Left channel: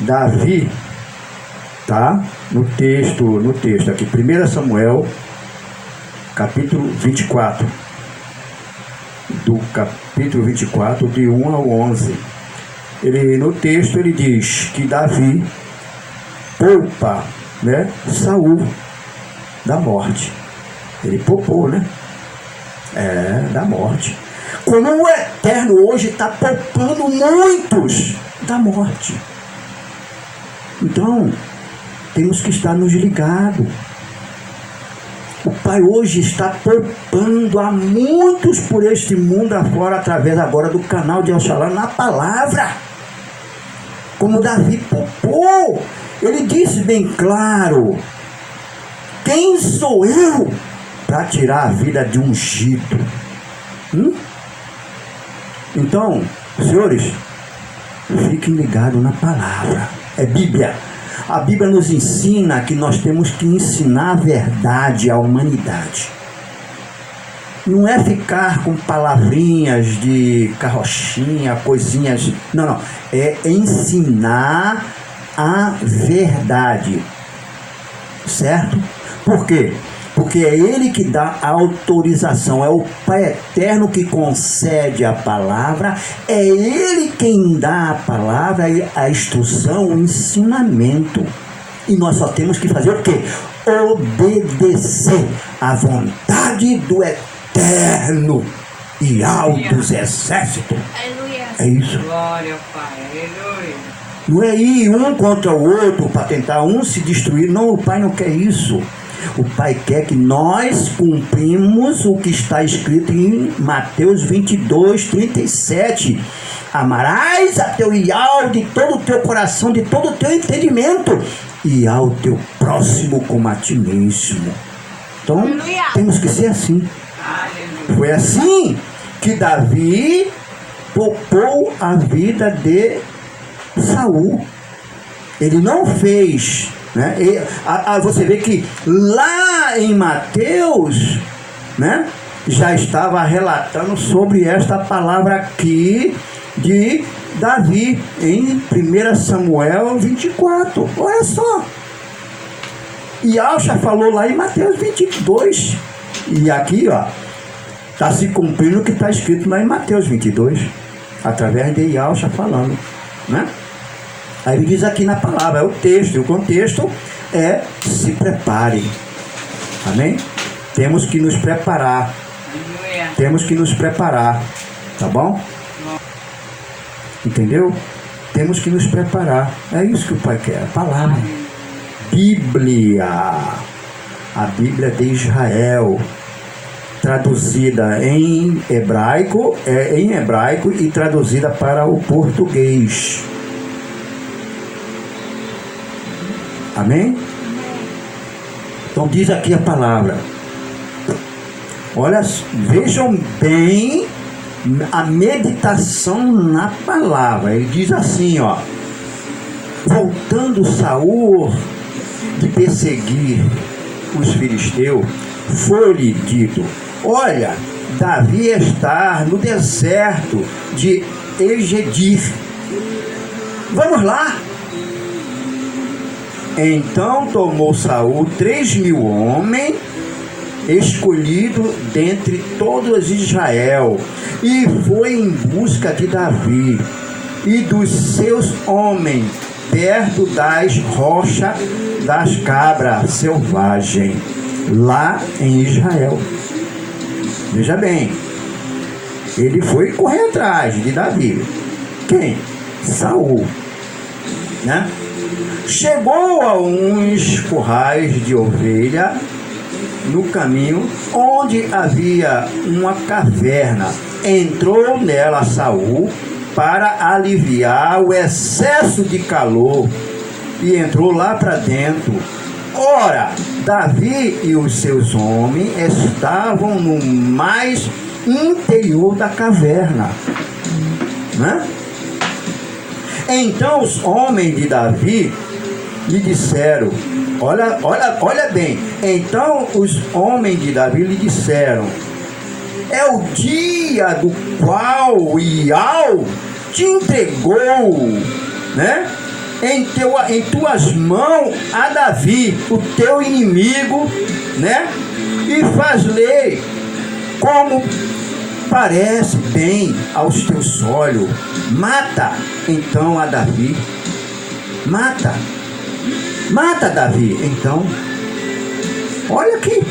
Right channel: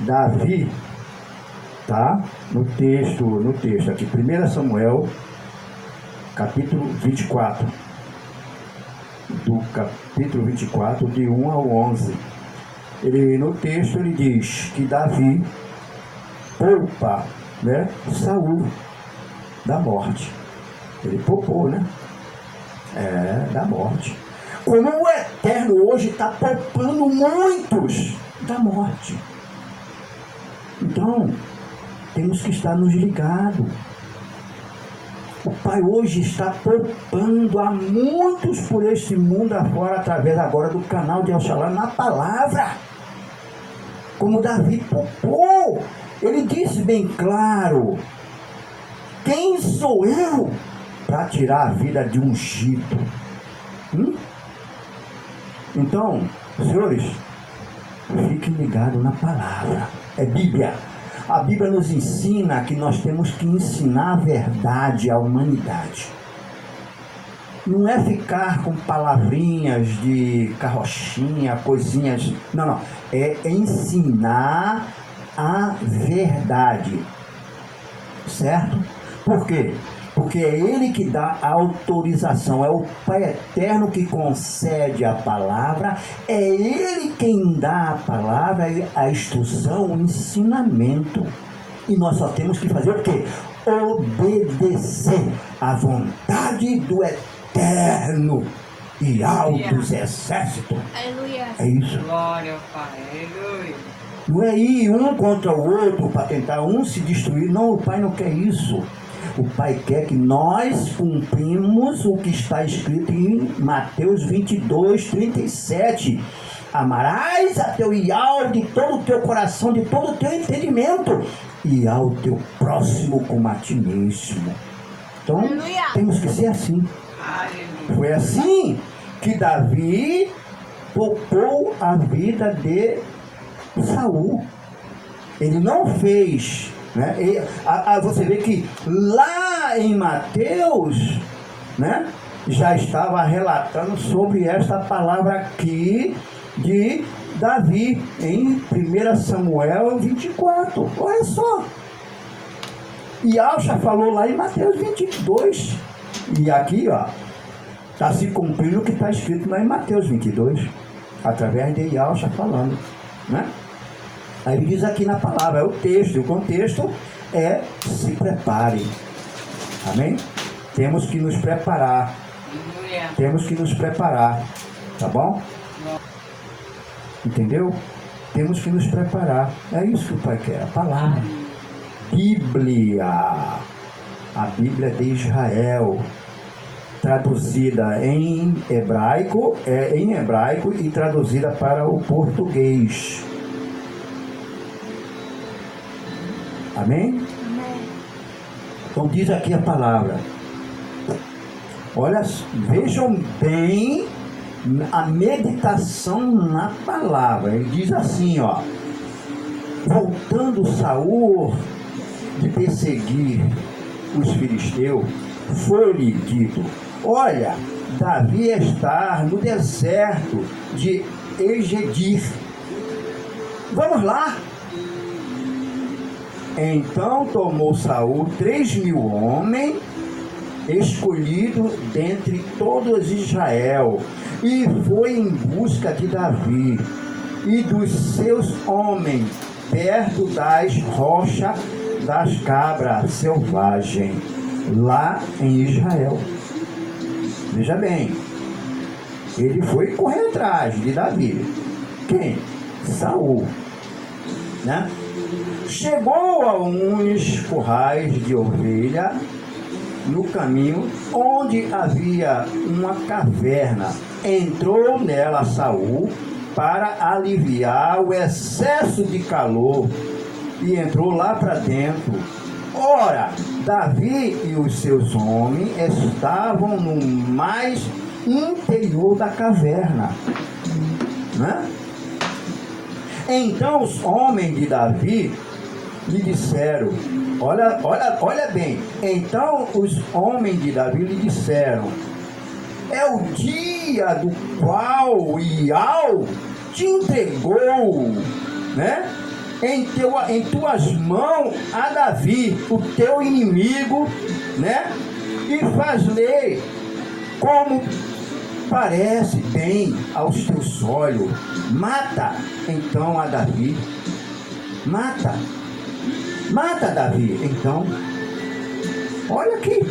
Davi, tá? No texto aqui, 1 Samuel, capítulo 24. Do capítulo 24, de 1 ao 11. No texto ele diz que Davi poupa, né, Saul da morte. Ele poupou, né? Da morte. Como o Eterno hoje está poupando muitos da morte. Então, temos que estar nos ligados. O Pai hoje está poupando a muitos por este mundo afora, através agora do canal de El Shalom, na palavra. Como Davi poupou, ele disse bem claro: quem sou eu para tirar a vida de um ungido? Então, senhores, fiquem ligados na palavra. É Bíblia. A Bíblia nos ensina que nós temos que ensinar a verdade à humanidade. Não é ficar com palavrinhas de carrochinha, coisinhas. Não. É ensinar a verdade. Certo? Por quê? Porque é Ele que dá a autorização, é o Pai Eterno que concede a palavra, é Ele quem dá a palavra, a instrução, o ensinamento. E nós só temos que fazer o quê? Obedecer à vontade do Eterno e ao dos exércitos. Aleluia. É isso. Glória ao Pai. Aleluia. Não é ir um contra o outro para tentar um se destruir. Não, o Pai não quer isso. O Pai quer que nós cumprimos o que está escrito em Mateus 22, 37. Amarás a teu Iau de todo o teu coração, de todo o teu entendimento, e ao teu próximo como a ti mesmo. Então, Aleluia. temos que ser assim. Aleluia. Foi assim que Davi poupou a vida de Saul. Ele não fez, né? Você vê que lá em Mateus, né, já estava relatando sobre esta palavra aqui de Davi em 1 Samuel 24. Olha só. E Alcha falou lá em Mateus 22. E aqui, ó, está se cumprindo o que está escrito lá em Mateus 22, através de Yalcha falando, né? Aí ele diz aqui na palavra, é o texto, e o contexto é: se preparem. Amém? Temos que nos preparar. Aleluia. Temos que nos preparar. Tá bom? Entendeu? Temos que nos preparar. É isso que o Pai quer, a palavra. Bíblia. A Bíblia de Israel, traduzida em hebraico e traduzida para o português. Amém? Então diz aqui a palavra. Olha, vejam bem a meditação na palavra. Ele diz assim, ó: voltando Saul de perseguir os filisteus, foi-lhe dito: olha, Davi está no deserto de Egedir. Vamos lá. Então tomou Saul 3.000 homens, escolhidos dentre todos Israel, e foi em busca de Davi e dos seus homens, perto das rochas das cabras selvagens, lá em Israel. Veja bem, ele foi correr atrás de Davi. Quem? Saul, né? Chegou a uns currais de ovelha no caminho, onde havia uma caverna. Entrou nela Saul para aliviar o excesso de calor, e entrou lá para dentro. Ora, Davi e os seus homens estavam no mais interior da caverna, né? Então os homens de Davi lhe disseram, olha bem, então os homens de Davi lhe disseram: é o dia do qual Iau te entregou, né? em tuas mãos a Davi, o teu inimigo, né? E faz-lhe como parece bem aos teus olhos. Mata então a Davi. Mata Davi. Então, olha aqui,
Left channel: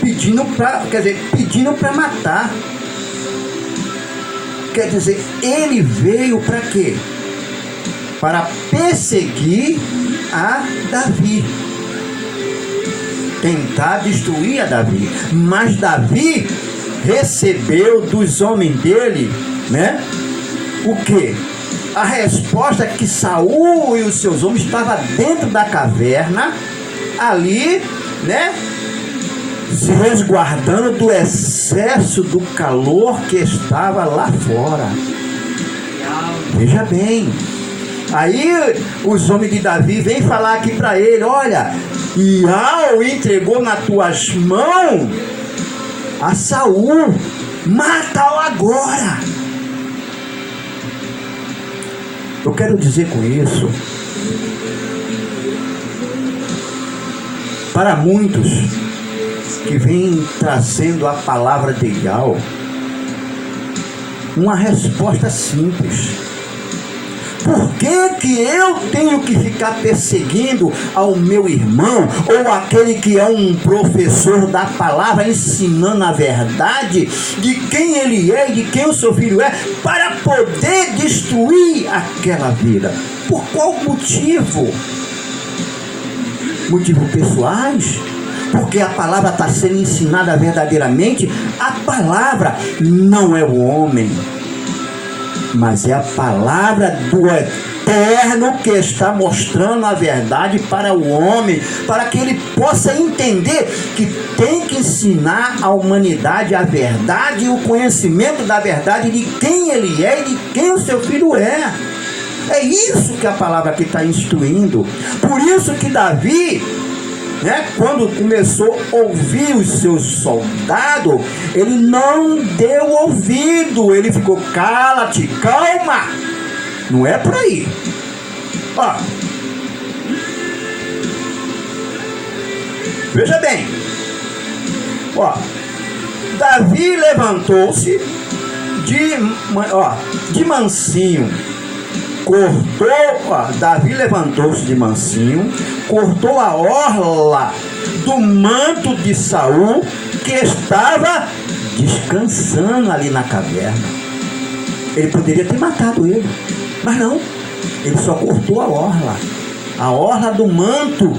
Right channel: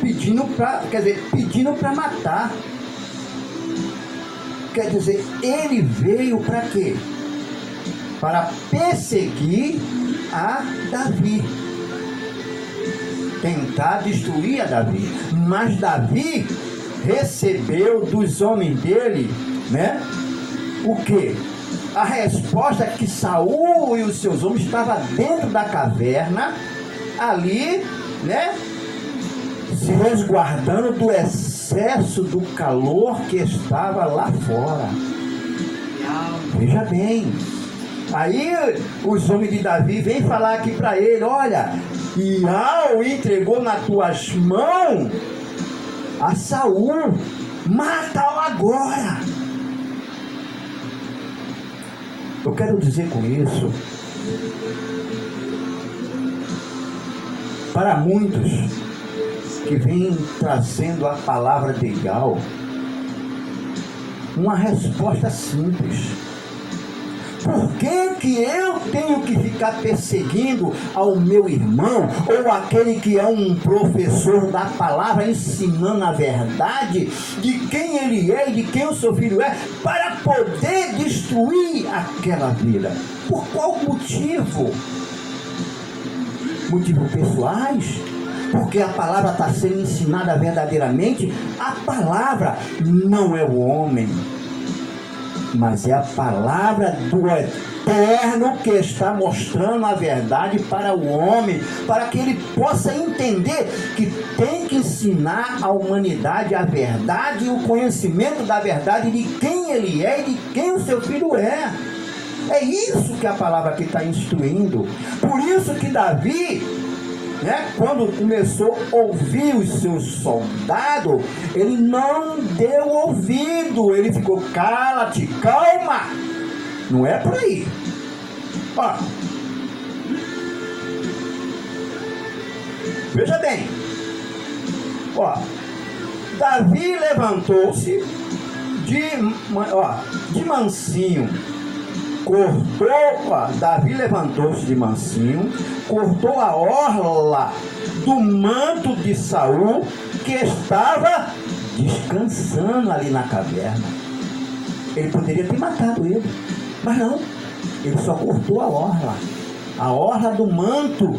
pedindo para matar. Quer dizer, ele veio para quê? Para perseguir a Davi, tentar destruir a Davi. Mas Davi recebeu dos homens dele, né? O quê? A resposta que Saul e os seus homens estavam dentro da caverna, ali, né? Se resguardando do excesso do calor que estava lá fora. Veja bem. Aí os homens de Davi vêm falar aqui para ele: olha, Iau entregou nas tuas mãos a Saul, mata-o agora. Eu quero dizer com isso, para muitos que vêm trazendo a palavra de Iau, uma resposta simples: por que eu tenho que ficar perseguindo ao meu irmão, ou aquele que é um professor da palavra, ensinando a verdade de quem ele é e de quem o seu filho é, para poder destruir aquela vida? Por qual motivo? Motivos pessoais? Porque a palavra está sendo ensinada verdadeiramente. A palavra não é o homem, mas é a palavra do Eterno que está mostrando a verdade para o homem, para que ele possa entender que tem que ensinar a humanidade a verdade e o conhecimento da verdade de quem ele é e de quem o seu filho é. É isso que a palavra aqui está instruindo. Por isso que Davi, né, quando começou a ouvir os seus soldados, ele não deu ouvido, ele ficou: cala-te, calma, não é por aí. Ó, veja bem, ó, Davi levantou-se de mansinho, Davi levantou-se de mansinho, cortou a orla do manto de Saul, que estava descansando ali na caverna. Ele poderia ter matado ele, mas não, ele só cortou a orla do manto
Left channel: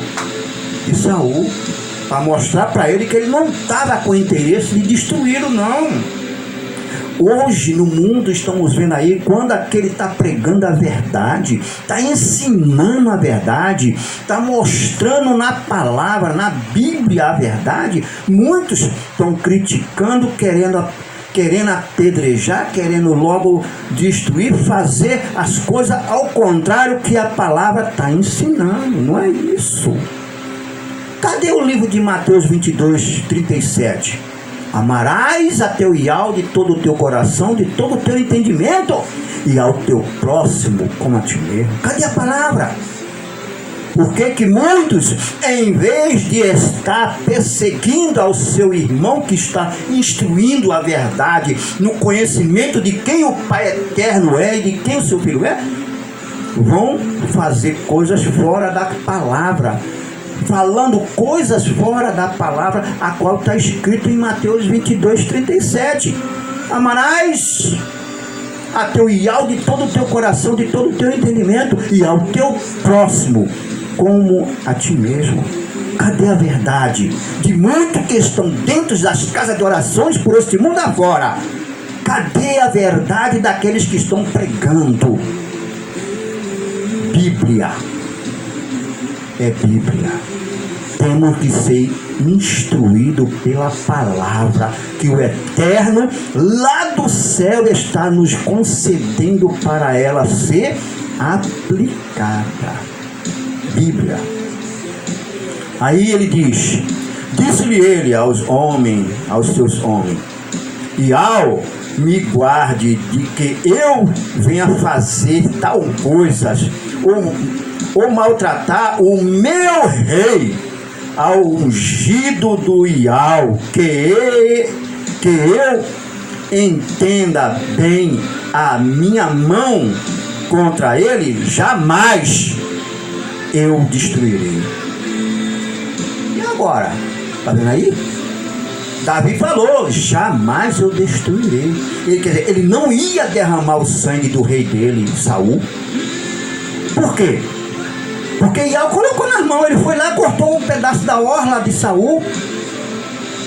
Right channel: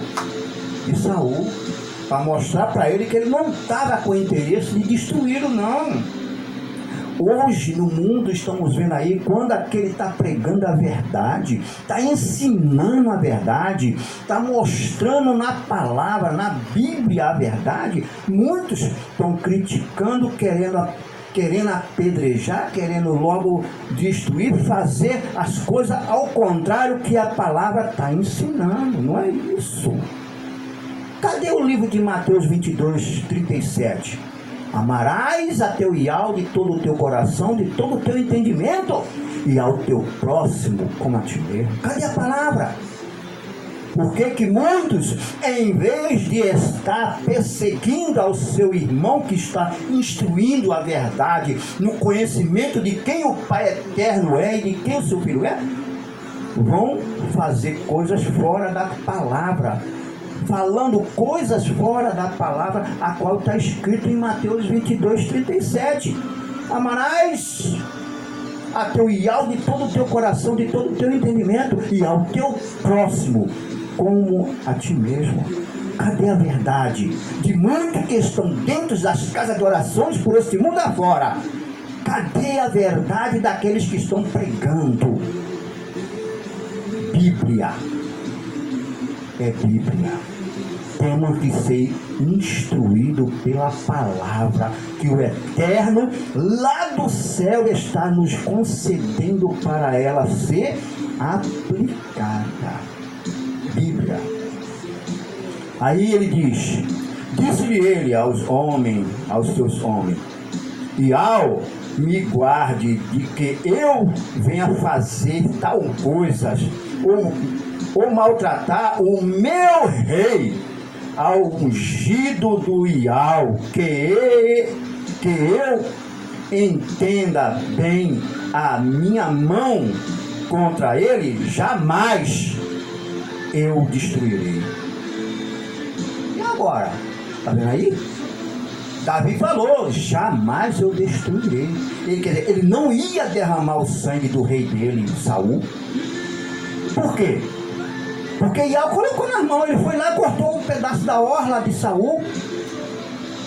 de Saul, para mostrar para ele que ele não estava com interesse de destruí-lo, não. Hoje no mundo estamos vendo aí, quando aquele está pregando a verdade, está ensinando a verdade, está mostrando na palavra, na Bíblia a verdade, muitos estão criticando, querendo apedrejar, querendo logo destruir, fazer as coisas ao contrário que a palavra está ensinando. Não é isso. Cadê o livro de Mateus 22, 37? Amarás a teu Iau de todo o teu coração, de todo o teu entendimento, e ao teu próximo como a ti mesmo. Cadê a palavra? Por que muitos, em vez de estar perseguindo ao seu irmão que está instruindo a verdade, no conhecimento de quem o Pai Eterno é e de quem o seu Filho é, vão fazer coisas fora da palavra, falando coisas fora da palavra, a qual está escrito em Mateus 22, 37. Amarás a teu Iau de todo o teu coração, de todo o teu entendimento, e ao teu próximo como a ti mesmo. Cadê a verdade de muitos que estão dentro das casas de orações por este mundo afora? Cadê a verdade daqueles que estão pregando? Bíblia é Bíblia. Temos que ser instruídos pela palavra que o Eterno lá do céu está nos concedendo para ela ser aplicada. Bíblia. Aí ele diz: disse-lhe ele aos seus homens: Iau, me guarde de que eu venha fazer tal coisas, ou maltratar o meu rei, ao ungido do Iau, que eu entenda bem a minha mão contra ele, jamais eu destruirei. E agora? Está vendo aí? Davi falou, jamais eu destruirei. Ele, quer dizer, ele não ia derramar o sangue do rei dele, Saul. Por quê? Porque Iau colocou nas mãos, ele foi lá e cortou um pedaço da orla de Saul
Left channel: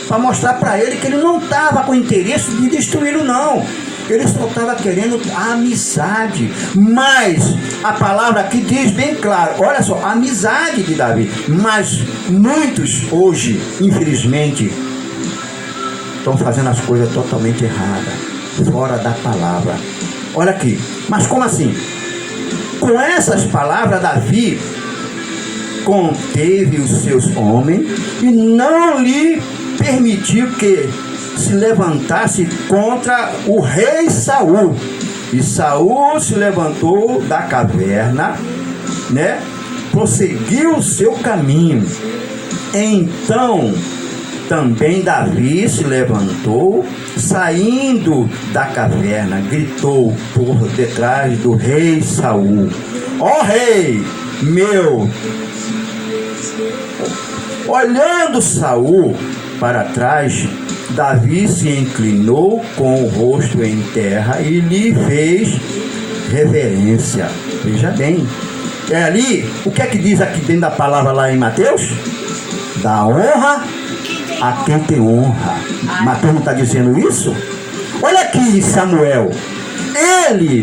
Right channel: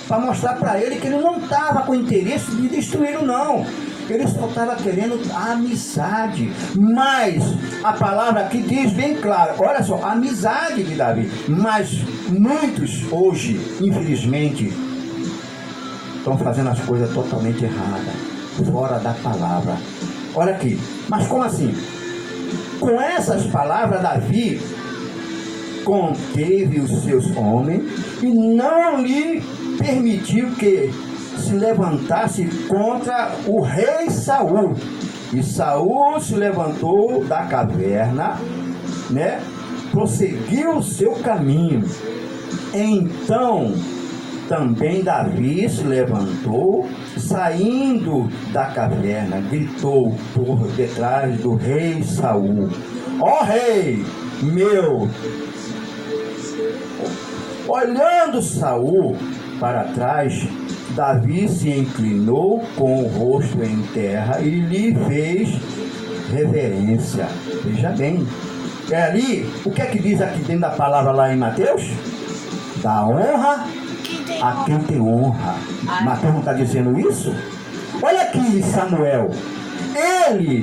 para mostrar para ele que ele não estava com interesse de destruí-lo, não. Ele só estava querendo amizade. Mas a palavra aqui diz bem claro, olha só, amizade de Davi. Mas muitos hoje, infelizmente, estão fazendo as coisas totalmente erradas, fora da palavra. Olha aqui, mas como assim? Com essas palavras, Davi conteve os seus homens e não lhe permitiu que se levantasse contra o rei Saul. E Saul se levantou da caverna, né? Prosseguiu o seu caminho. Então também Davi se levantou, saindo da caverna, gritou por detrás do rei Saul: ó rei meu! Olhando Saul para trás, Davi se inclinou com o rosto em terra e lhe fez reverência. Veja bem, é ali, o que é que diz aqui dentro da palavra lá em Mateus? Dá honra a quem tem honra. Mateus não está dizendo isso? Olha aqui Samuel,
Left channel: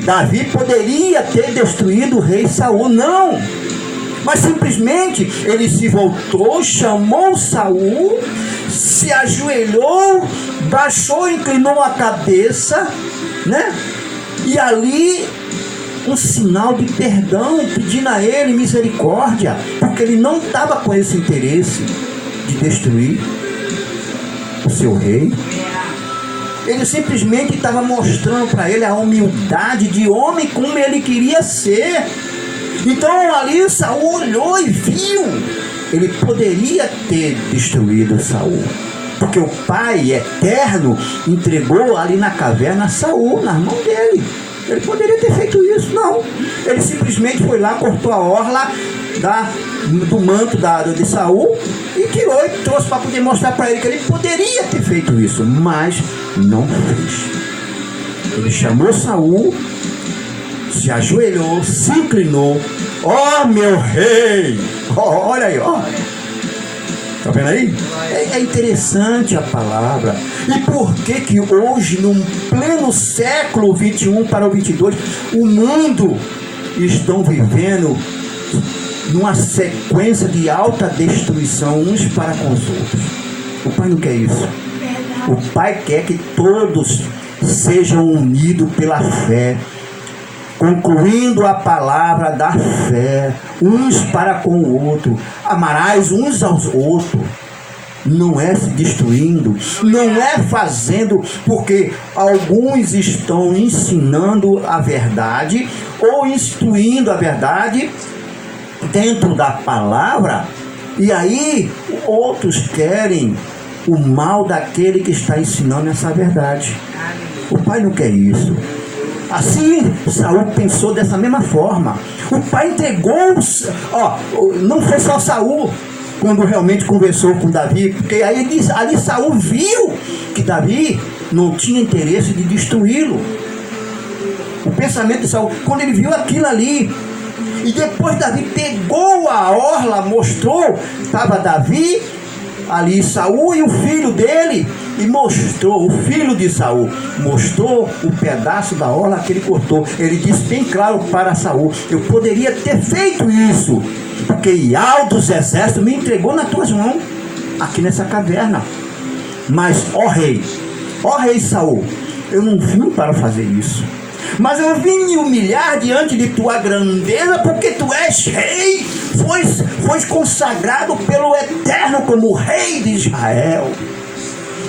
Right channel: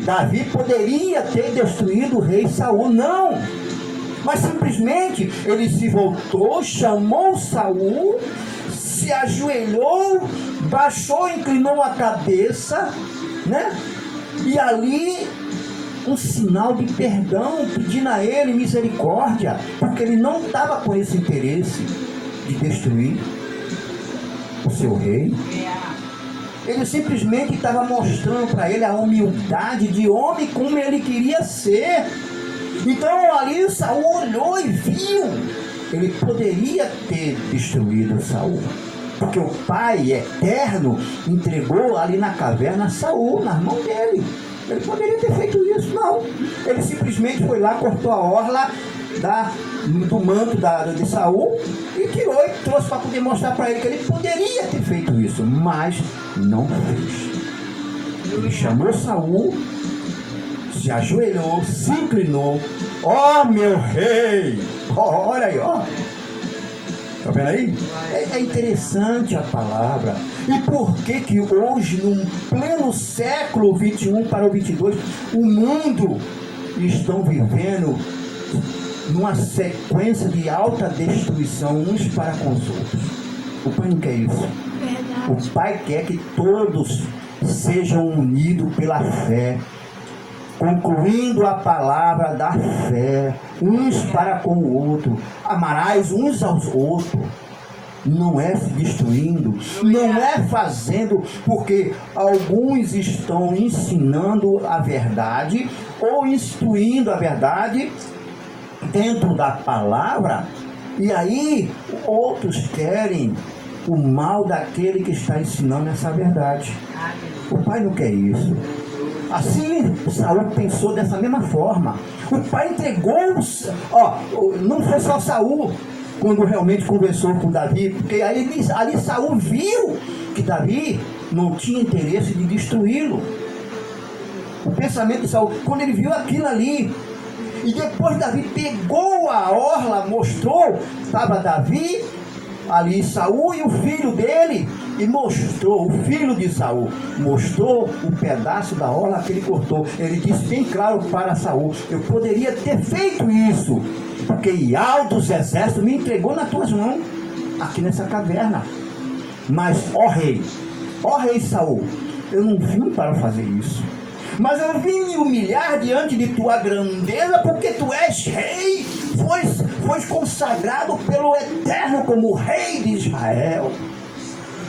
Davi poderia ter destruído o rei Saul, não, mas simplesmente ele se voltou, chamou Saul, se ajoelhou, baixou, inclinou a cabeça, né? E ali um sinal de perdão, pedindo a ele misericórdia, porque ele não estava com esse interesse de destruir o seu rei. Ele simplesmente estava mostrando para ele a humildade de homem como ele queria ser. Então ali Saul olhou e viu, ele poderia ter destruído Saul, porque o Pai eterno entregou ali na caverna Saul nas mãos dele. Ele poderia ter feito isso, não. Ele simplesmente foi lá, cortou a orla do manto de Saul e tirou e trouxe para poder mostrar para ele que ele poderia ter feito isso, mas não fez. Ele chamou Saul, se ajoelhou, se inclinou: ó meu rei! Olha aí, ó. Está vendo aí? É interessante a palavra. E por que hoje, no pleno século 21 para o 22, o mundo estão vivendo numa sequência de alta destruição uns para com os outros? O Pai não quer isso. O Pai quer que todos sejam unidos pela fé, concluindo a palavra da fé, uns para com o outro. Amarás uns aos outros. Não é se destruindo, não é fazendo, porque alguns estão ensinando a verdade ou instruindo a verdade dentro da palavra, e aí outros querem o mal daquele que está ensinando essa verdade. O Pai não quer isso. Assim, Saul pensou dessa mesma forma. O Pai entregou, não foi só Saul quando realmente conversou com Davi, porque aí ali Saul viu que Davi não tinha interesse de destruí-lo. O pensamento de Saul, quando ele viu aquilo ali, e depois Davi pegou a orla, mostrou, estava Davi ali, Saul e o filho dele, e mostrou, o filho de Saul mostrou o pedaço da orla que ele cortou. Ele disse bem claro para Saul: eu poderia ter feito isso, porque Iau dos exércitos me entregou nas tuas mãos, aqui nessa caverna. Mas, ó rei Saul, eu não vim para fazer isso, mas eu vim me humilhar diante de tua grandeza, porque tu és rei, foste consagrado pelo Eterno como rei de Israel.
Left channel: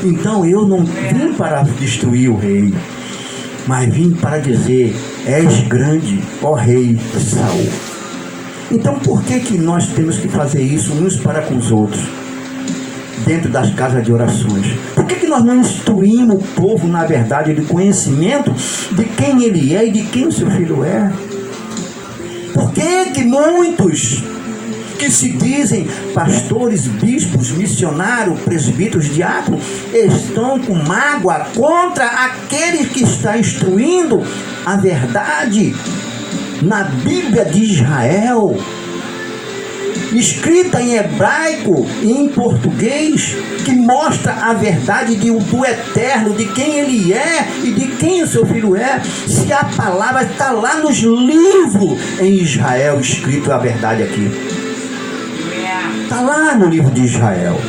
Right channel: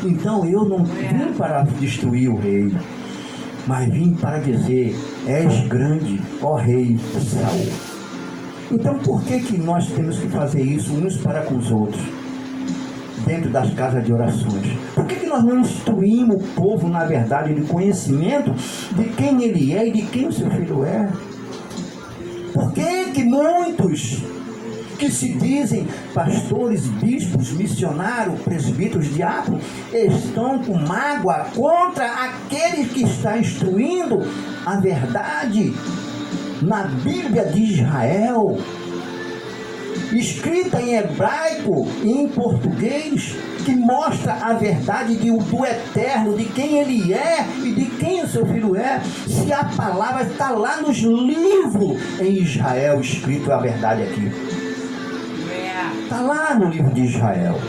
Então eu não vim para destruir o rei, mas vim para dizer: és grande, ó rei Saul. Então por que nós temos que fazer isso uns para com os outros? Dentro das casas de orações. Por que nós não instruímos o povo na verdade de conhecimento de quem ele é e de quem o seu filho é? Por que muitos que se dizem pastores, bispos, missionários, presbíteros, diáconos, estão com mágoa contra aquele que está instruindo a verdade na Bíblia de Israel, escrita em hebraico e em português, que mostra a verdade do eterno, de quem ele é e de quem o seu filho é? Se a palavra está lá nos livros em Israel, escrito a verdade aqui. Está lá no livro de Israel.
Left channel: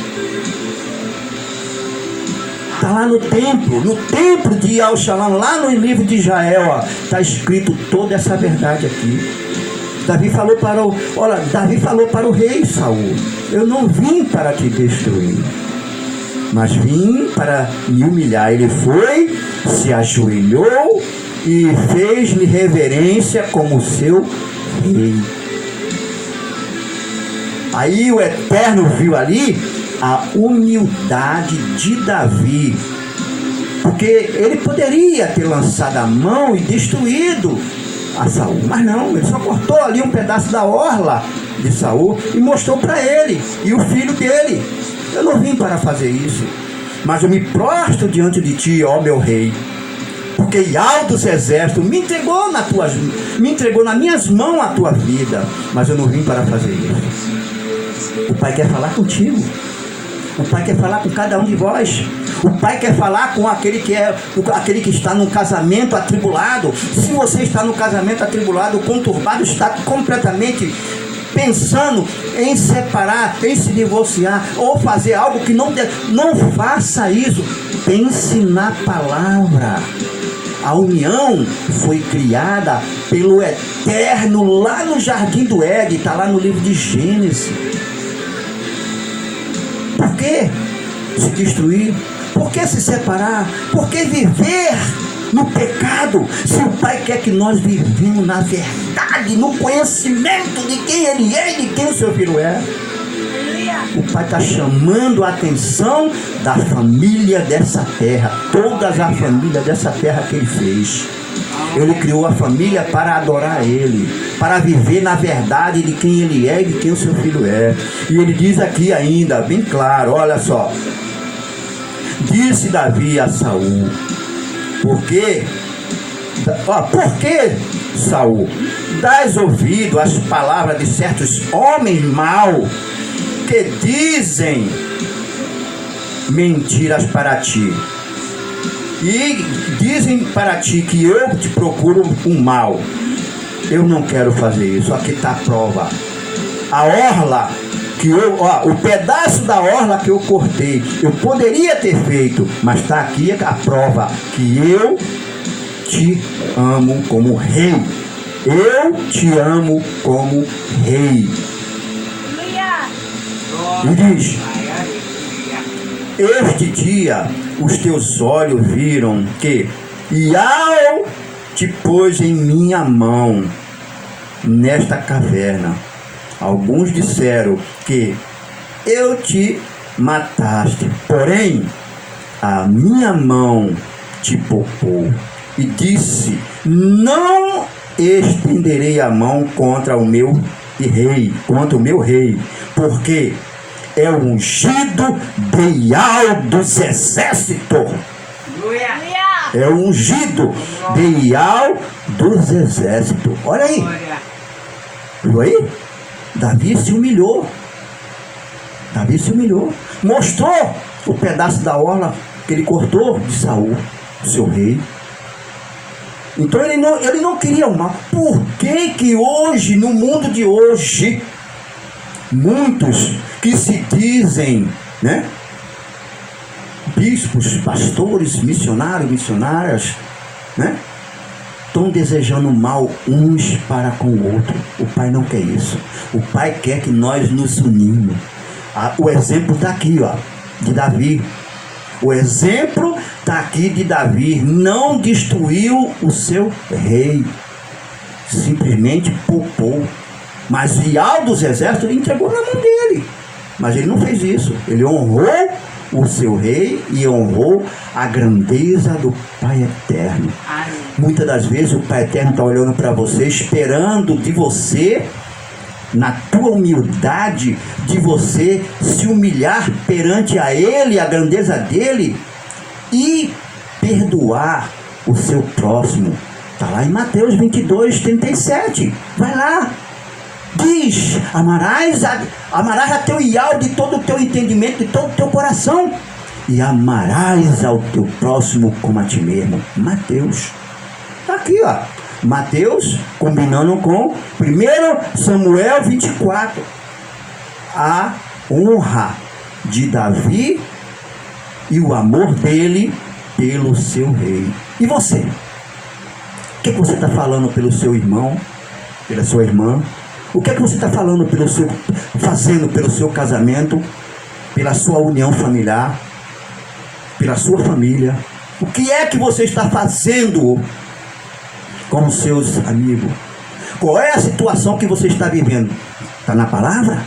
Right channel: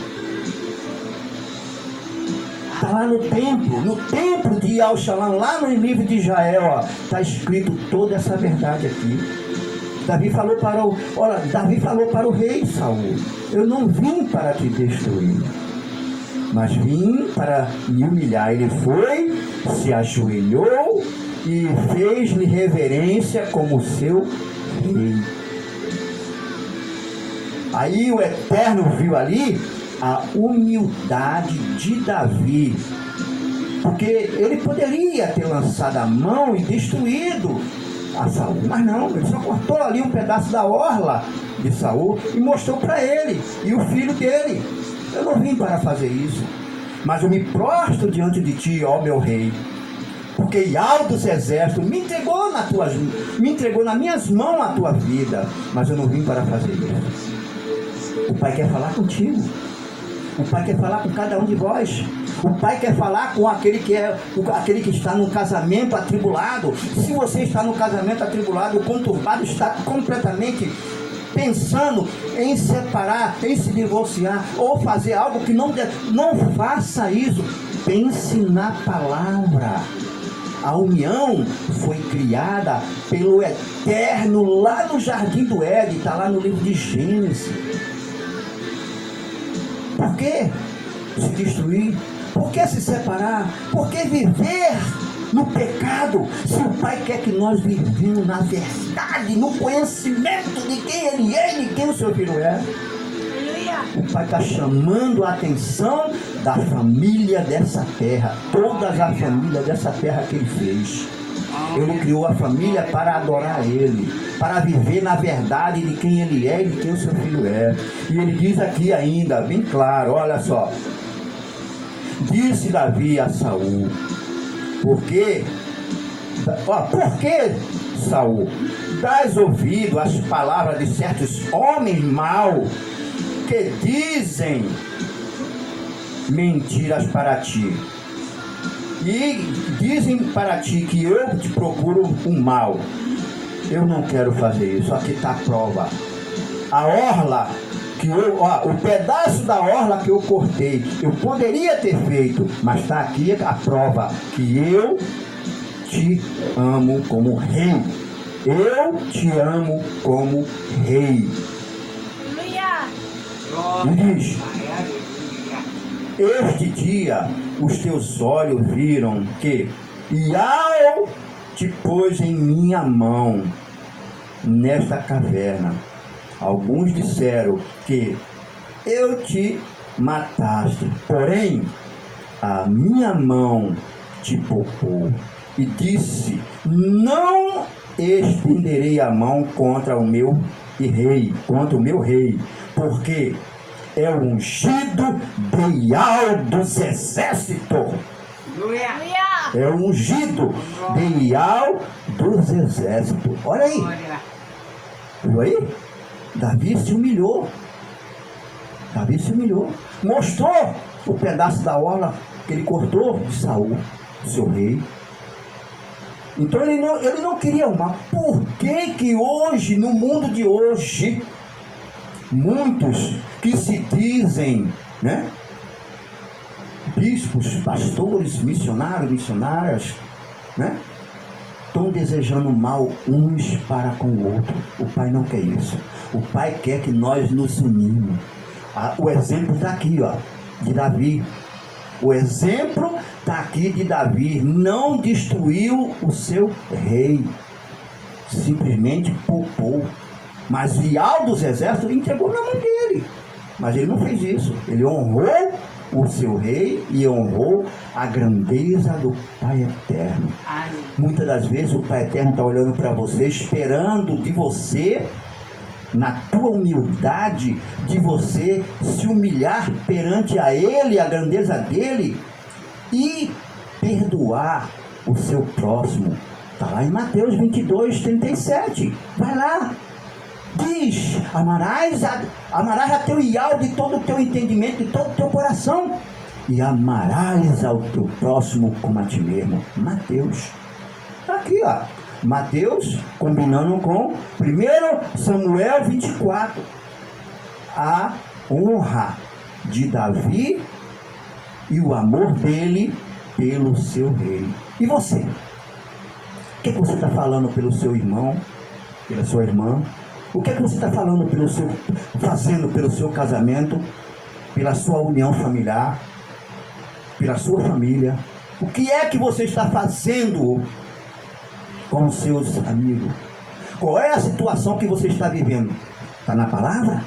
Está lá no templo de Al-Shalom, lá no livro de Israel, está escrito toda essa verdade aqui. Davi falou para o rei Saul: eu não vim para te destruir, mas vim para me humilhar. Ele foi, se ajoelhou e fez-lhe reverência como seu rei. Aí o Eterno viu ali a humildade de Davi, porque ele poderia ter lançado a mão e destruído a Saul, mas não, ele só cortou ali um pedaço da orla de Saul e mostrou para ele e o filho dele: eu não vim para fazer isso, mas eu me prostro diante de ti, ó meu rei, porque Yahweh dos exércitos me entregou nas minhas mãos a tua vida, mas eu não vim para fazer isso. O Pai quer falar contigo. O Pai quer falar com cada um de vós. O Pai quer falar com aquele que está no casamento atribulado. Se você está no casamento atribulado, conturbado, está completamente pensando em separar, em se divorciar ou fazer algo que não faça isso. Pense na palavra. A união foi criada pelo Eterno lá no Jardim do Éden, está lá no livro de Gênesis. Por que se destruir? Por que se separar? Por que viver no pecado? Se o Pai quer que nós vivamos na verdade, no conhecimento de quem Ele é e de quem o seu filho é. O Pai está chamando a atenção da família dessa terra, todas as famílias dessa terra que Ele fez. Ele criou a família para adorar Ele, para viver na verdade de quem Ele é e de quem o seu filho é. E Ele diz aqui ainda, bem claro, olha só: disse Davi a Saul: por que Saul, dás ouvido às palavras de certos homens maus que dizem mentiras para ti, e dizem para ti que eu te procuro um mal? Eu não quero fazer isso. Aqui está a prova. A orla o pedaço da orla que eu cortei, eu poderia ter feito, mas está aqui a prova que eu te amo como rei. Eu te amo como rei. E diz: este dia os teus olhos viram que Yahweh te pôs em minha mão nesta caverna. Alguns disseram que eu te mataste, porém a minha mão te poupou. E disse: não estenderei a mão contra o meu rei, porque é o ungido de Yahweh dos exércitos. É o ungido de Yahweh dos exércitos. Olha aí. Viu aí? Davi se humilhou. Mostrou o pedaço da orla que ele cortou de Saul, seu rei. Então ele não queria o mal. Por que hoje, no mundo de hoje, muitos que se dizem, né, bispos, pastores, missionárias, né, estão desejando mal uns para com o outro? O Pai não quer isso. O Pai quer que nós nos unimos. O exemplo está aqui, ó, de Davi. O exemplo está aqui de Davi. Não destruiu o seu rei, simplesmente poupou. Mas Ial dos exércitos ele entregou na mão dele. Mas ele não fez isso. Ele honrou o seu rei e honrou a grandeza do Pai Eterno. Amém. Muitas das vezes o Pai Eterno está olhando para você, esperando de você, na tua humildade, de você se humilhar perante a Ele, a grandeza dEle, e perdoar o seu próximo. Está lá em Mateus 22, 37. Vai lá. Diz, amarás a teu Ial de todo o teu entendimento, de todo o teu coração, e amarás ao teu próximo como a ti mesmo. Mateus. Está aqui, ó. Mateus, combinando com 1 Samuel 24. A honra de Davi e o amor dele pelo seu rei. E você? O que você está falando pelo seu irmão, pela sua irmã? O que você está falando fazendo pelo seu casamento, pela sua união familiar, pela sua família? O que é que você está fazendo com os seus amigos? Qual é a situação que você está vivendo? Está na palavra?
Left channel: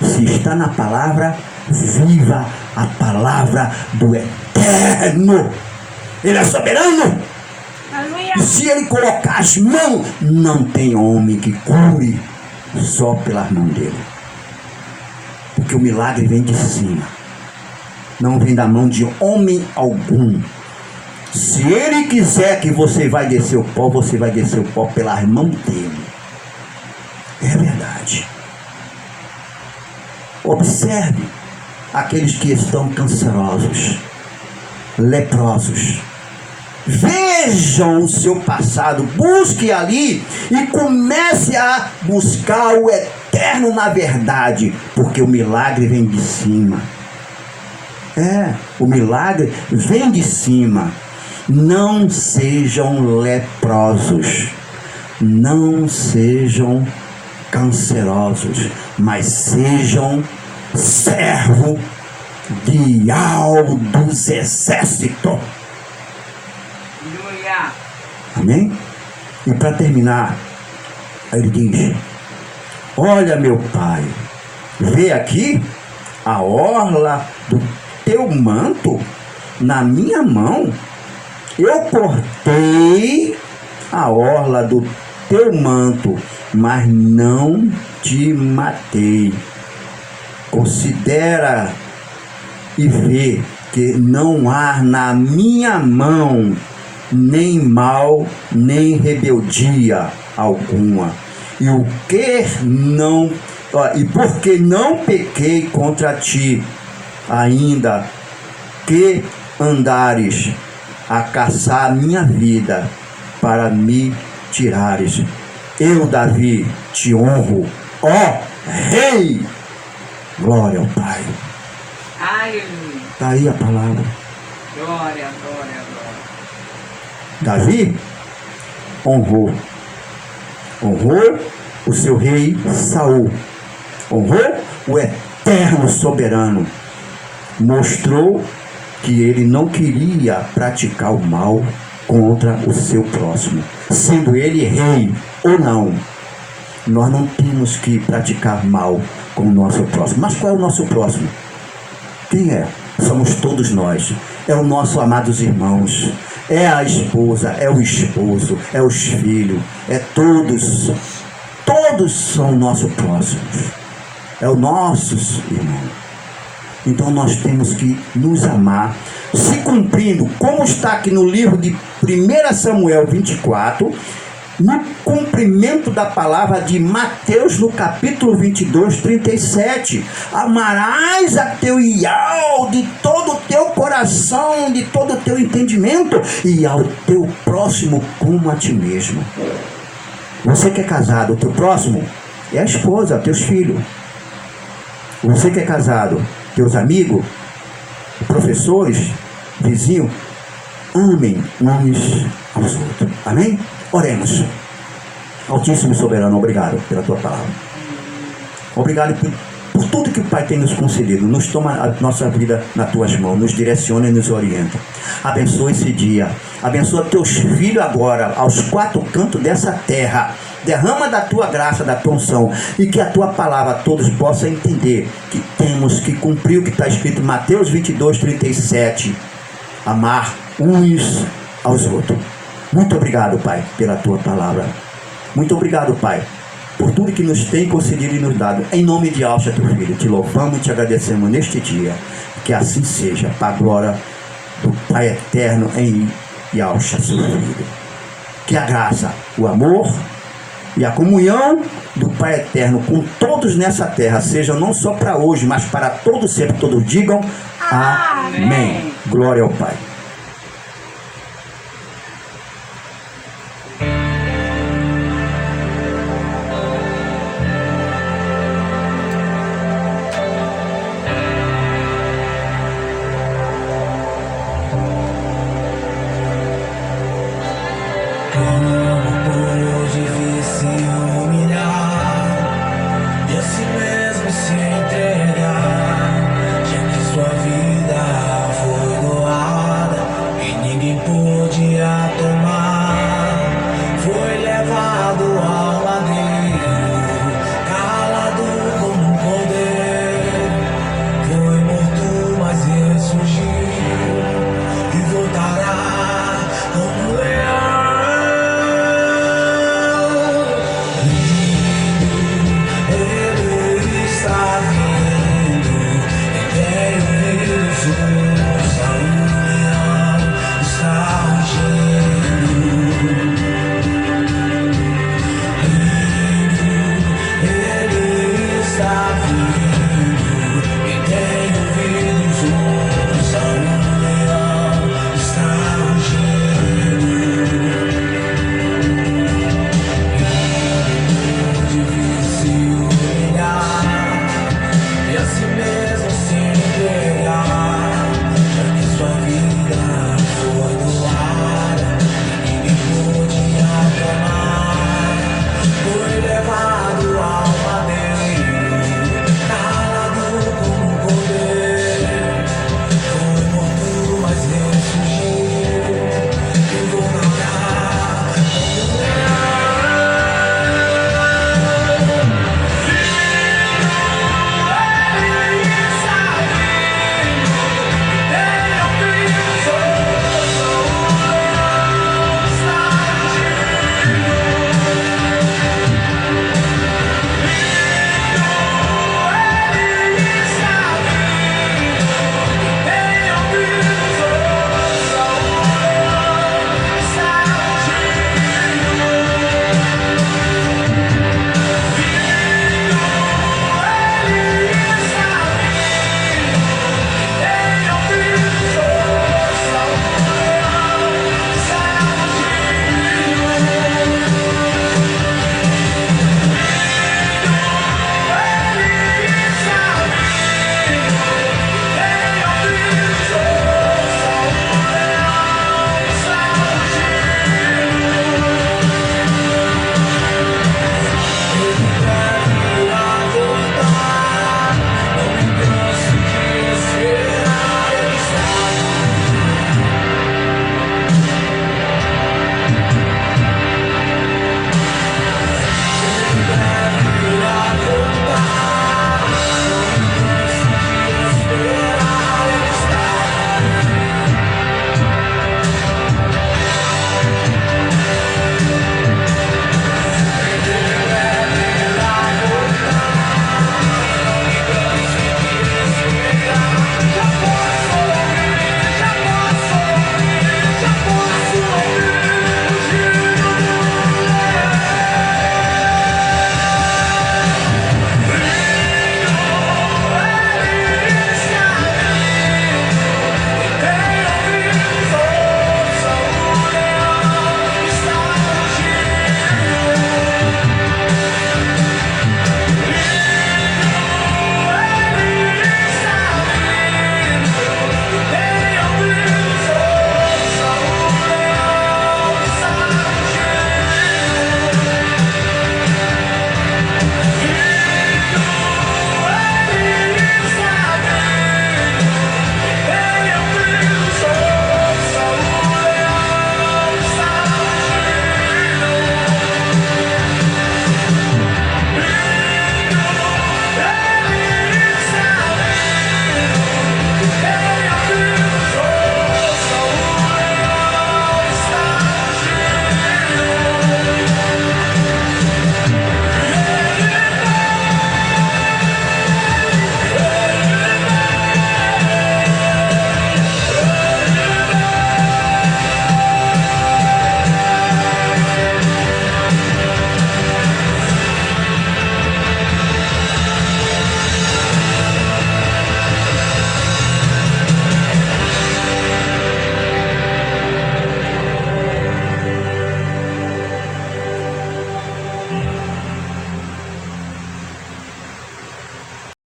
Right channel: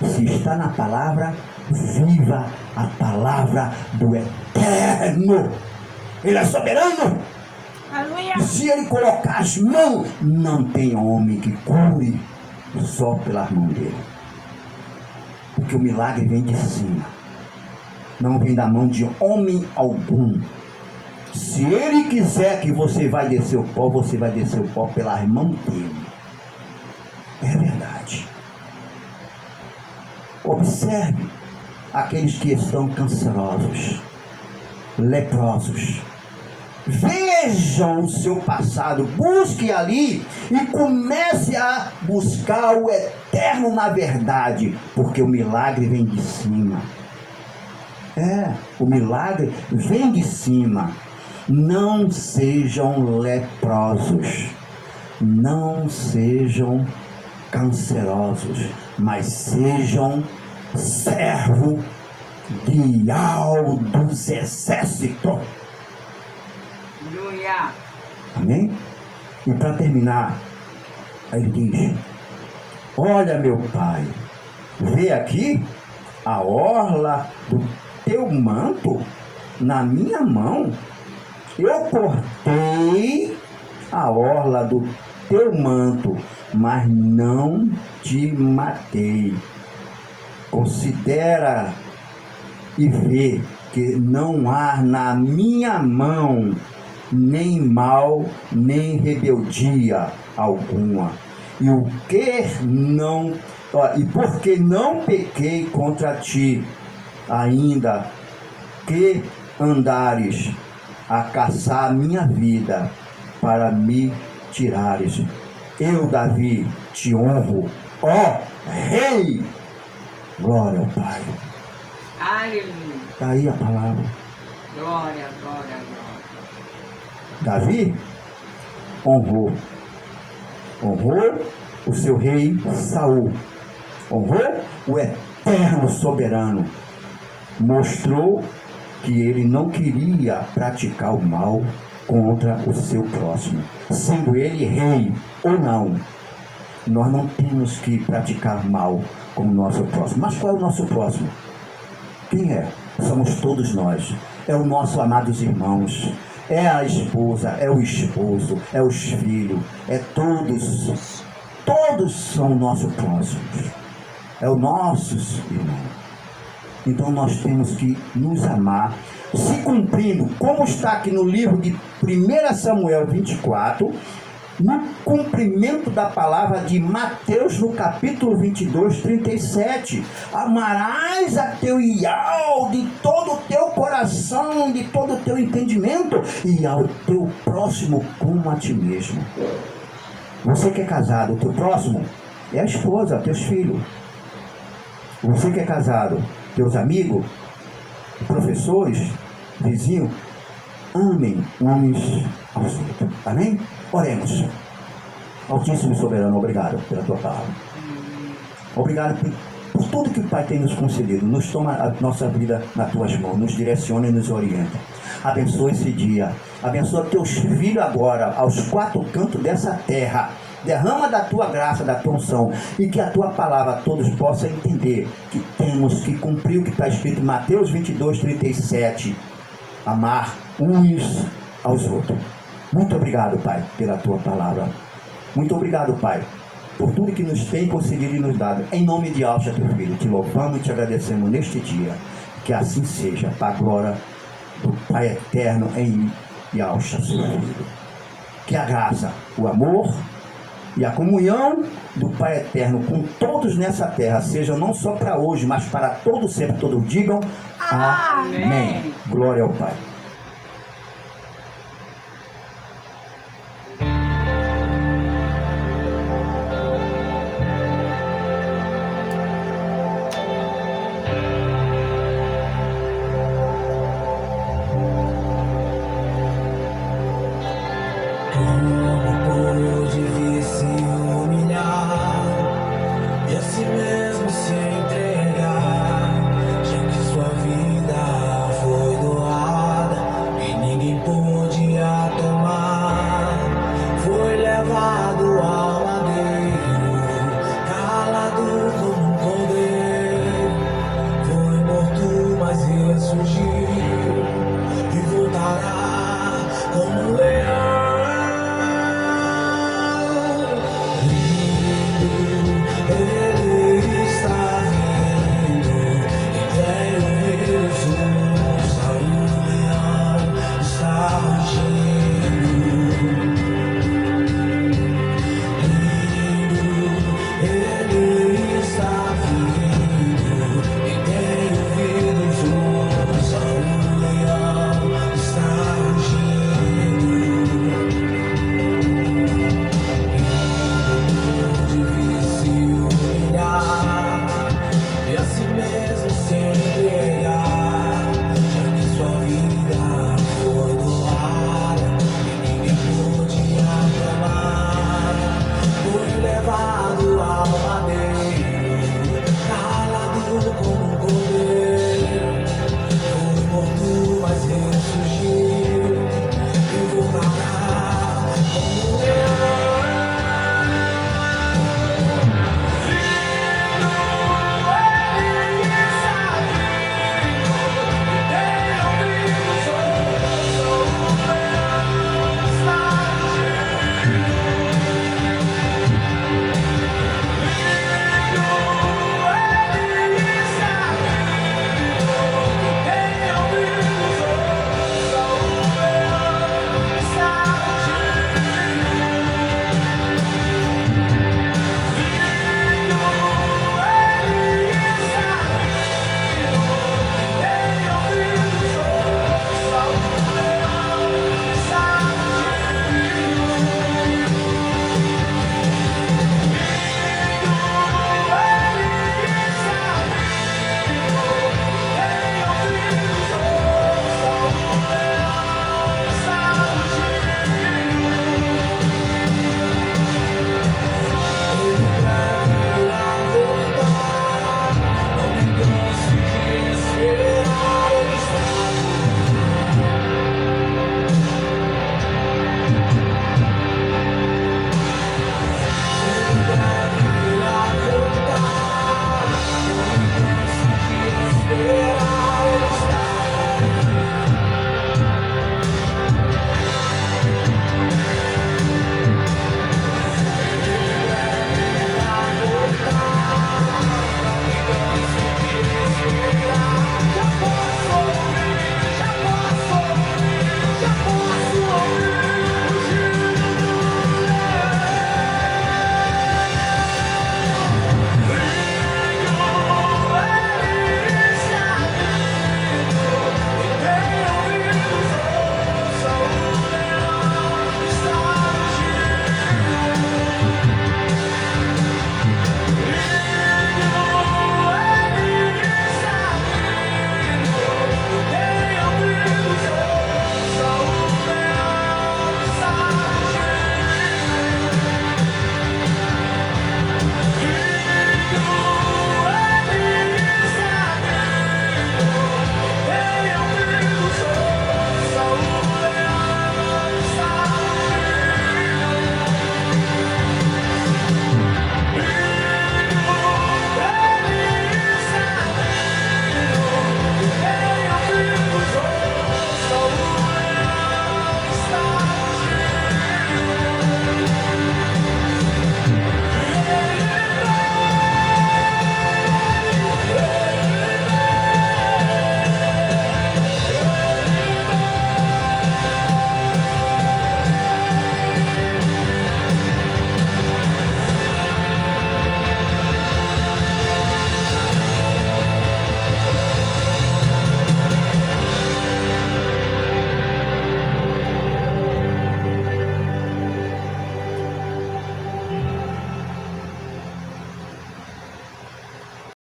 Se está na palavra, viva a palavra do Eterno. Ele é soberano. E se ele colocar as mãos, não tem homem que cure só pelas mãos dele. Porque o milagre vem de cima, não vem da mão de homem algum. Se ele quiser que você vai descer o pó, você vai descer o pó pelas mãos dele. É verdade. Observe aqueles que estão cancerosos, leprosos. Vejam o seu passado, busque ali e comece a buscar o Eterno na verdade, porque o milagre vem de cima. O milagre vem de cima. Não sejam leprosos, não sejam cancerosos, mas sejam servo de Ial dos exércitos. Amém? E para terminar, ele diz: olha, meu pai, vê aqui a orla do teu manto na minha mão. Eu cortei a orla do teu manto, mas não te matei. Considera e vê que não há na minha mão nem mal, nem rebeldia alguma. E porque não pequei contra ti, ainda que andares a caçar a minha vida para me tirares. Eu, Davi, te honro, ó Rei. Glória ao Pai. Aleluia. Está aí a palavra. Glória, glória, glória. Davi honrou o seu rei Saul, honrou o Eterno soberano, mostrou que ele não queria praticar o mal contra o seu próximo, sendo ele rei ou não. Nós não temos que praticar mal com o nosso próximo. Mas qual é o nosso próximo? Quem é? Somos todos nós. É o nosso amados irmãos, é a esposa, é o esposo, é os filhos, é todos são nosso próximo, é o nossos irmãos. Então nós temos que nos amar, se cumprindo, como está aqui no livro de 1 Samuel 24, no cumprimento da palavra de Mateus, no capítulo 22, 37. Amarás a teu Ial de todo o teu coração, de todo o teu entendimento, e ao teu próximo como a ti mesmo. Você que é casado, o teu próximo é a esposa, teus filhos. Você que é casado, teus amigos, professores, vizinhos, amem uns aos outros. Amém? Oremos. Altíssimo e soberano, obrigado pela tua palavra. Obrigado por tudo que o Pai tem nos concedido. Nos toma a nossa vida nas tuas mãos, nos direciona e nos orienta. Abençoa esse dia. Abençoa teus filhos agora, aos quatro cantos dessa terra. Derrama da tua graça, da tua unção, e que a tua palavra todos possam entender que temos que cumprir o que está escrito em Mateus 22:37, amar uns aos outros. Muito obrigado, Pai, pela tua palavra. Muito obrigado, Pai, por tudo que nos tem concedido e nos dado. Em nome de Alcha, teu filho, te louvamos e te agradecemos neste dia. Que assim seja, para a glória do Pai eterno em Alcha, seu filho. Que a graça, o amor e a comunhão do Pai eterno com todos nessa terra seja não só para hoje, mas para todos sempre. Todos digam amém. Glória ao Pai.